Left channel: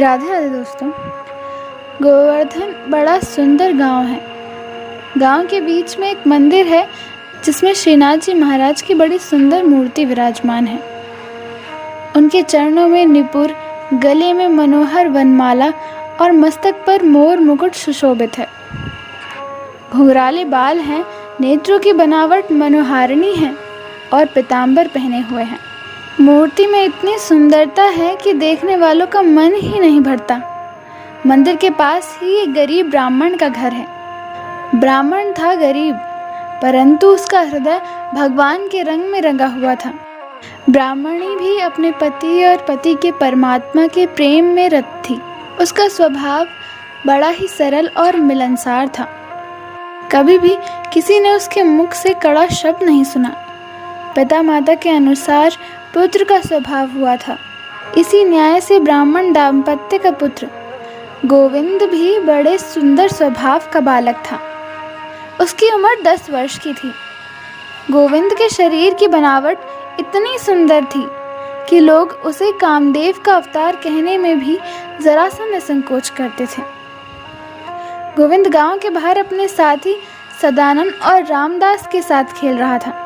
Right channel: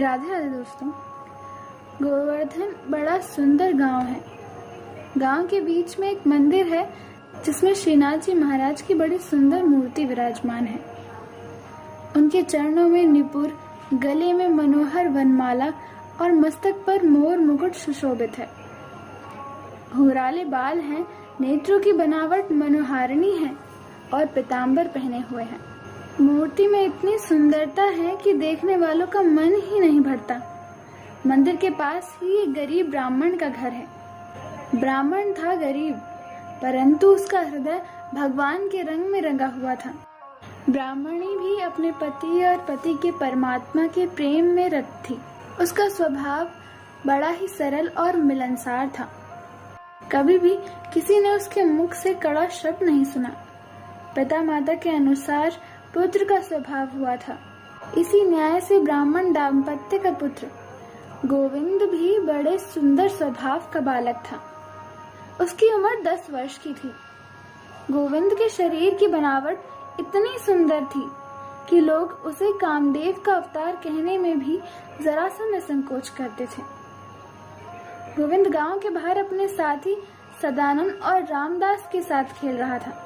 राधे राधे दोस्तों। गोवर्धन बड़ा सुंदर गांव है। गांव के बीच में एक मंदिर है जिसमें श्रीनाथ जी महाराज की बड़ी सुंदर मूर्ति विराजमान है। उनके चरणों में निपुर, गले में मनोहर वनमाला और मस्तक पर मोर मुकुट सुशोभित है। घुंघराले बाल हैं, नेत्रों की बनावट मनोहारिणी है और पीतांबर पहने हुए हैं। मूर्ति में इतनी सुंदरता है कि देखने वालों का मन ही नहीं भरता। मंदिर के पास ही एक गरीब ब्राह्मण का घर है। ब्राह्मण था गरीब, परंतु उसका हृदय भगवान के रंग में रंगा हुआ था। ब्राह्मणी भी अपने पति और पति के परमात्मा के प्रेम में रत थी। उसका स्वभाव बड़ा ही सरल और मिलनसार था। कभी भी किसी ने उसके मुख से कड़ा शब्द नहीं सुना। पिता माता के अनुसार पुत्र का स्वभाव हुआ था। इसी न्याय से ब्राह्मण दाम्पत्य का पुत्र गोविंद भी बड़े सुंदर स्वभाव का बालक था। उसकी उम्र 10 वर्ष की थी। गोविंद के शरीर की बनावट इतनी सुंदर थी कि लोग उसे कामदेव का अवतार कहने में भी जरा सा निसंकोच करते थे। गोविंद गांव के बाहर अपने साथी सदानंद और रामदास के साथ खेल रहा था।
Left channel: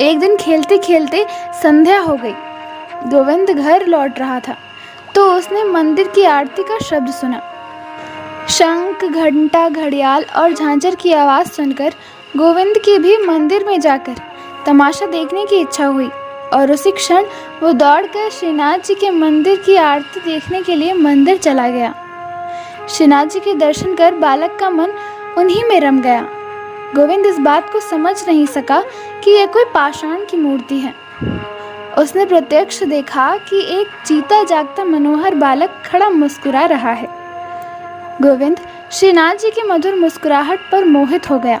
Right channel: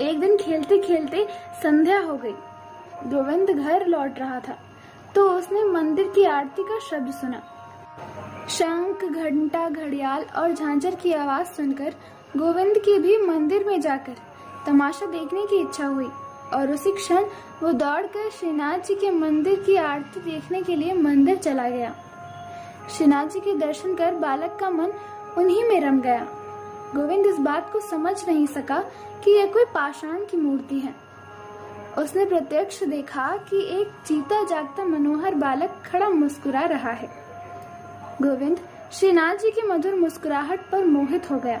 एक दिन खेलते खेलते संध्या हो गई। गोविंद घर लौट रहा था तो उसने मंदिर की आरती का शब्द सुना। शंख, घंटा, घड़ियाल और झांझर की आवाज़ सुनकर गोविंद की भी मंदिर में जाकर तमाशा देखने की इच्छा हुई और उसी क्षण वो दौड़कर श्रीनाथ जी के मंदिर की आरती देखने के लिए मंदिर चला गया। श्रीनाथ जी के दर्शन कर बालक का मन उन्हीं में रम गया। गोविंद इस बात को समझ नहीं सका कि यह कोई पाषाण की मूर्ति है। उसने प्रत्यक्ष देखा कि एक जीता जागता मनोहर बालक खड़ा मुस्कुरा रहा है। गोविंद श्रीनाथ जी की मधुर मुस्कुराहट पर मोहित हो गया।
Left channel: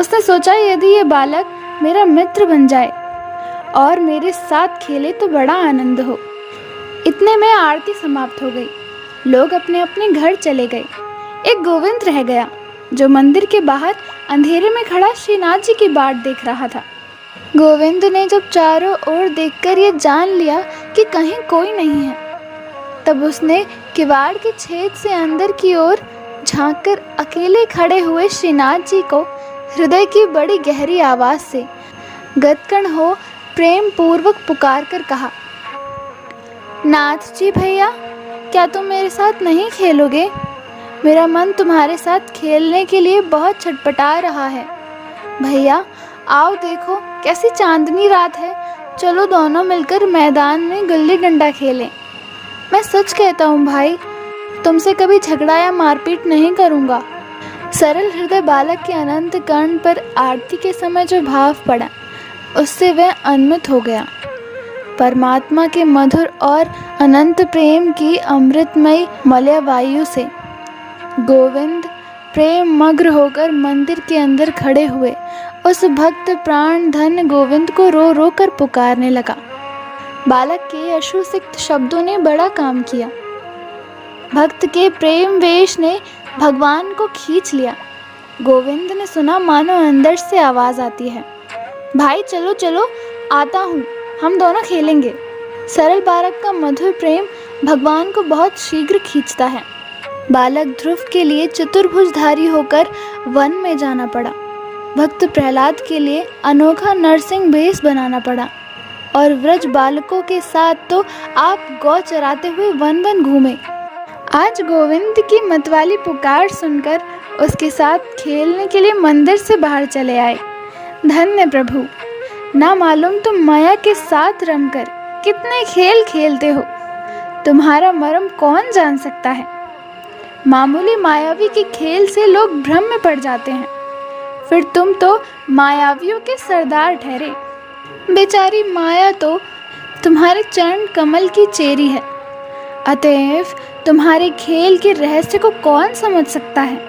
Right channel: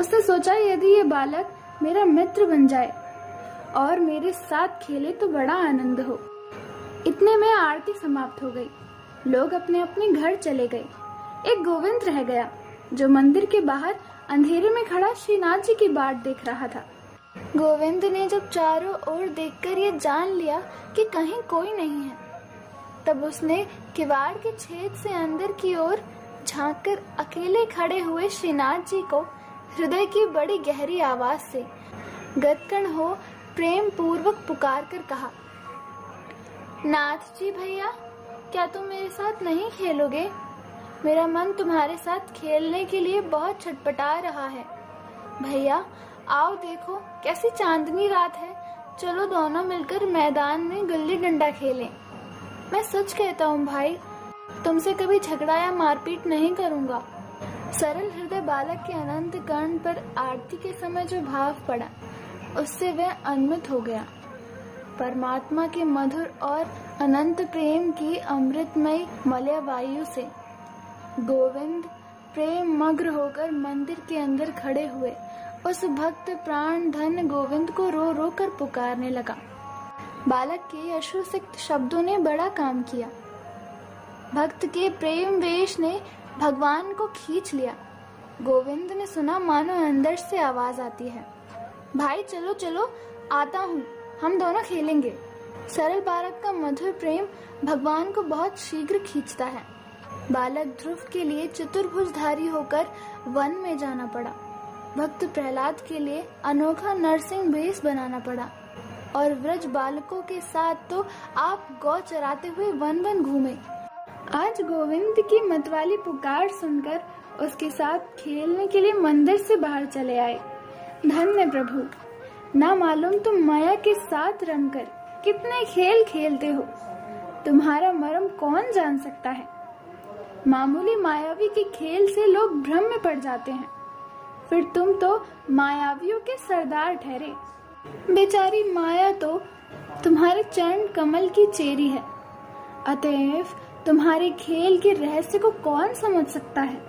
उसने सोचा, यदि ये बालक मेरा मित्र बन जाए और मेरे साथ खेले तो बड़ा आनंद हो। इतने में आरती समाप्त हो गई। लोग अपने अपने घर चले गए। एक गोविंद रह गया जो मंदिर के बाहर अंधेरे में खड़ा श्रीनाथ जी की बाट देख रहा था। गोविंद ने जब चारों ओर देखकर ये जान लिया कि कहीं कोई नहीं है, तब उसने किवाड़ के छेद से अंदर की ओर झांककर अकेले खड़े हुए श्रीनाथ जी को हृदय की बड़ी गहरी आवाज से गदकण हो प्रेम पूर्वक पुकार कर कहा, नाथ जी भैया, क्या तुम मेरे साथ नहीं खेलोगे? मेरा मन तुम्हारे साथ खेलने के लिए बहुत छटपटा रहा है। भैया आओ, देखो कैसी चांदनी रात है। चलो दोनों मिलकर मैदान में गुल्ली डंडा खेलें। मैं सच कहता हूँ भाई, तुमसे कभी झगड़ा या मारपीट नहीं करूँगा। सरल हृदय बालक के अनंत कर्ण पर आरती के समय जो भाव पड़ा, उससे वह उन्मत्त हो गया। परमात्मा के मधुर और अनंत प्रेम की अमृतमयी मलय वायु से गोविंद प्रेम मग्न होकर मंदिर के अंदर खड़े हुए उस भक्त प्राण धन गोविंद को रो रो कर पुकारने लगा। बालक के अश्रुसिक्त शब्दों ने बड़ा काम किया। भक्त के प्रेम वेश ने भगवान को खींच लिया। गोविंद ने सुना मानो अंदर से आवाज आती है, भाई चलो चलो, आता हूँ, हम दोनों खेलेंगे। सरल बालक का मधुर प्रेम भगवान को बहुत शीघ्र खींचता है। बालक ध्रुव के लिए चतुर्भुजधारी होकर वन में जाना पड़ा। भक्त प्रहलाद के लिए अनोखा नरसिंह भेष बनाना पड़ा और व्रज बालकों के साथ तो आप गौ चराते हुए वन वन घूमे। आज गोविंद की मतवाली पुकार सुनकर उसके साथ खेलने के लिए मंदिर से बाहर चले आए। धन्य प्रभु, ना मालूम तुम माया के साथ रमकर कितने खेल खेलते हो। तुम्हारा मर्म कौन जान सकता है। मामूली मायावी के खेल से लोग भ्रम में पड़ जाते हैं, फिर तुम तो मायावियों के सरदार ठहरे। बेचारी माया तो तुम्हारे चरण कमल की चेरी है, अतएव तुम्हारे खेल के रहस्य को कौन समझ सकता है।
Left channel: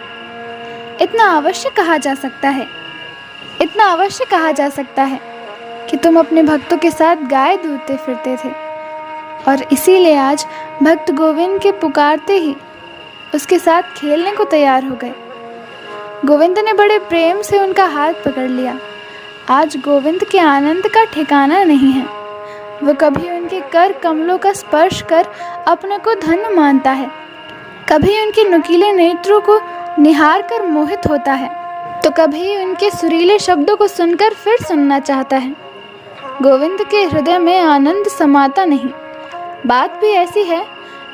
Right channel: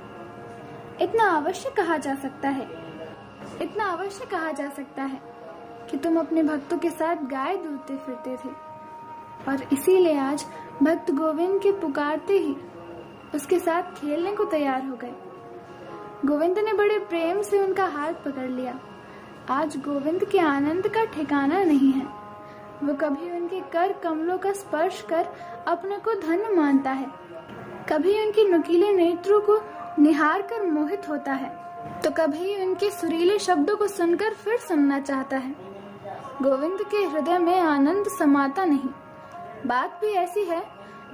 इतना अवश्य कहा जा सकता है कि तुम अपने भक्तों के साथ गाय दूधते फिरते थे और इसीलिए आज भक्त गोविंद के पुकारते ही उसके साथ खेलने को तैयार हो गए। गोविंद ने बड़े प्रेम से उनका हाथ पकड़ लिया। आज गोविंद के आनंद का ठिकाना नहीं है। वो कभी उनके कर कमलों का स्पर्श कर अपने को धन्य मानता है, कभी उनके नुकीले नेत्रों को निहार कर मोहित होता है, तो कभी उनके सुरीले शब्दों को सुनकर फिर सुनना चाहता है। गोविंद के हृदय में आनंद समाता नहीं। बात भी ऐसी है,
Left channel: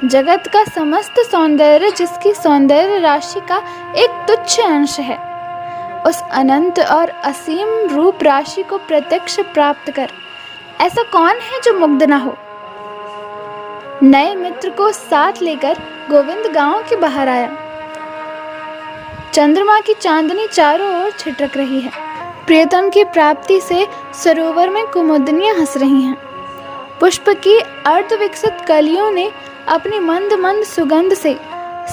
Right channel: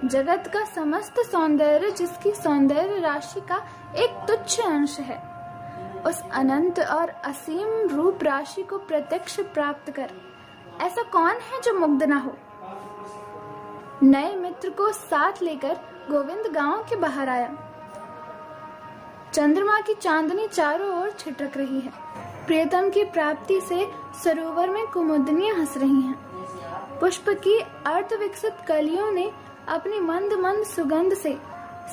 जगत का समस्त सौंदर्य जिसकी सौंदर्य राशि का एक तुच्छ अंश है, उस अनंत और असीम रूप राशि को प्रत्यक्ष प्राप्त कर ऐसा कौन है जो मुग्ध न हो। नए मित्र को साथ लेकर गोविंद गांव के बाहर आया। चंद्रमा की चांदनी चारों ओर छिटक रही है। प्रियतम की प्राप्ति से सरोवर में कुमुदनियां हंस रही हैं। पुष्प की अर्धविकसित कलियों ने अपनी मंद मंद सुगंध से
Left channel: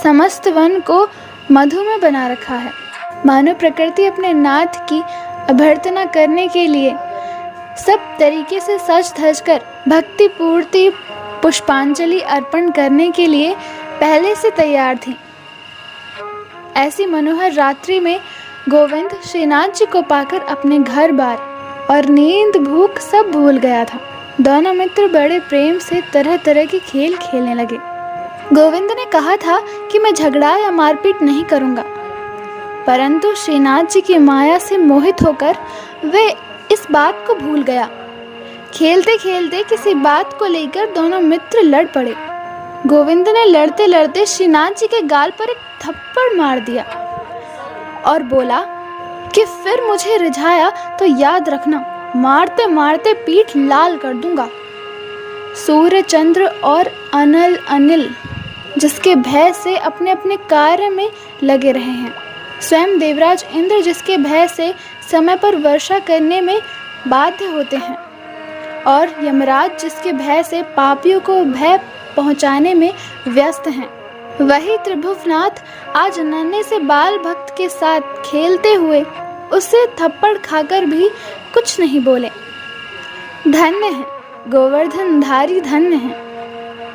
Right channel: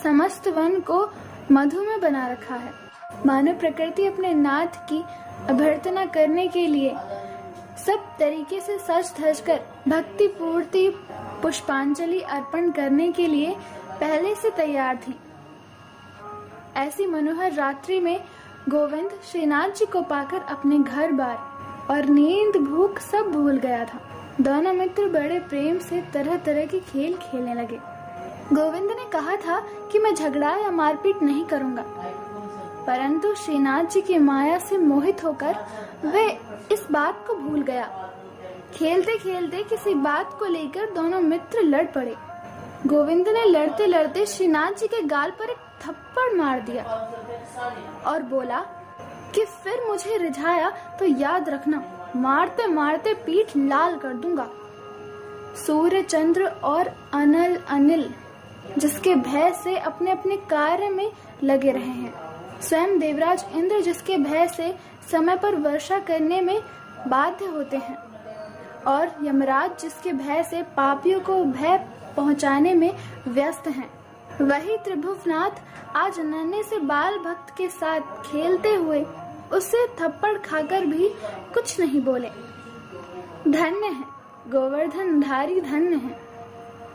समस्त वन को मधुमय बना रखा है। मानो प्रकृति अपने नाथ की अभ्यर्थना करने के लिए सब तरीके से सज धज कर भक्ति पूर्ति पुष्पांजलि अर्पण करने के लिए पहले से तैयार थी। ऐसी मनोहर रात्रि में गोविंद श्रीनाथ जी को पाकर अपने घर बार और नींद भूख सब भूल गया था। दोनों मित्र बड़े प्रेम से तरह तरह के खेल खेलने लगे। गोविंद ने कहा था कि मैं झगड़ा या मारपीट नहीं करूंगा, परंतु श्रीनाथ जी की माया से मोहित होकर वे इस बात को भूल गया। खेलते खेलते किसी बात को लेकर दोनों मित्र लड़ पड़े। गोविंद ने लड़ते लड़ते श्रीनाथ जी के गाल पर एक थप्पड़ मार दिया और बोला कि फिर मुझे रिझाया तो याद रखना, मारते मारते पीठ लाल कर दूंगा। सूर्य चंद्र और अनिल जिसके भय से अपने अपने कार्य में लगे रहे हैं, स्वयं देवराज इंद्र जिसके भय से समय पर वर्षा करने में बाध्य होते हैं, और यमराज जिसके भय से पापियों को भय पहुंचाने में व्यस्त हैं, वही त्रिभुवनाथ आज नन्हे से बाल भक्त के साथ खेलते हुए उससे थप्पड़ खाकर भी कुछ नहीं बोले। धन्य है गोवर्धन धारी, धन्य है।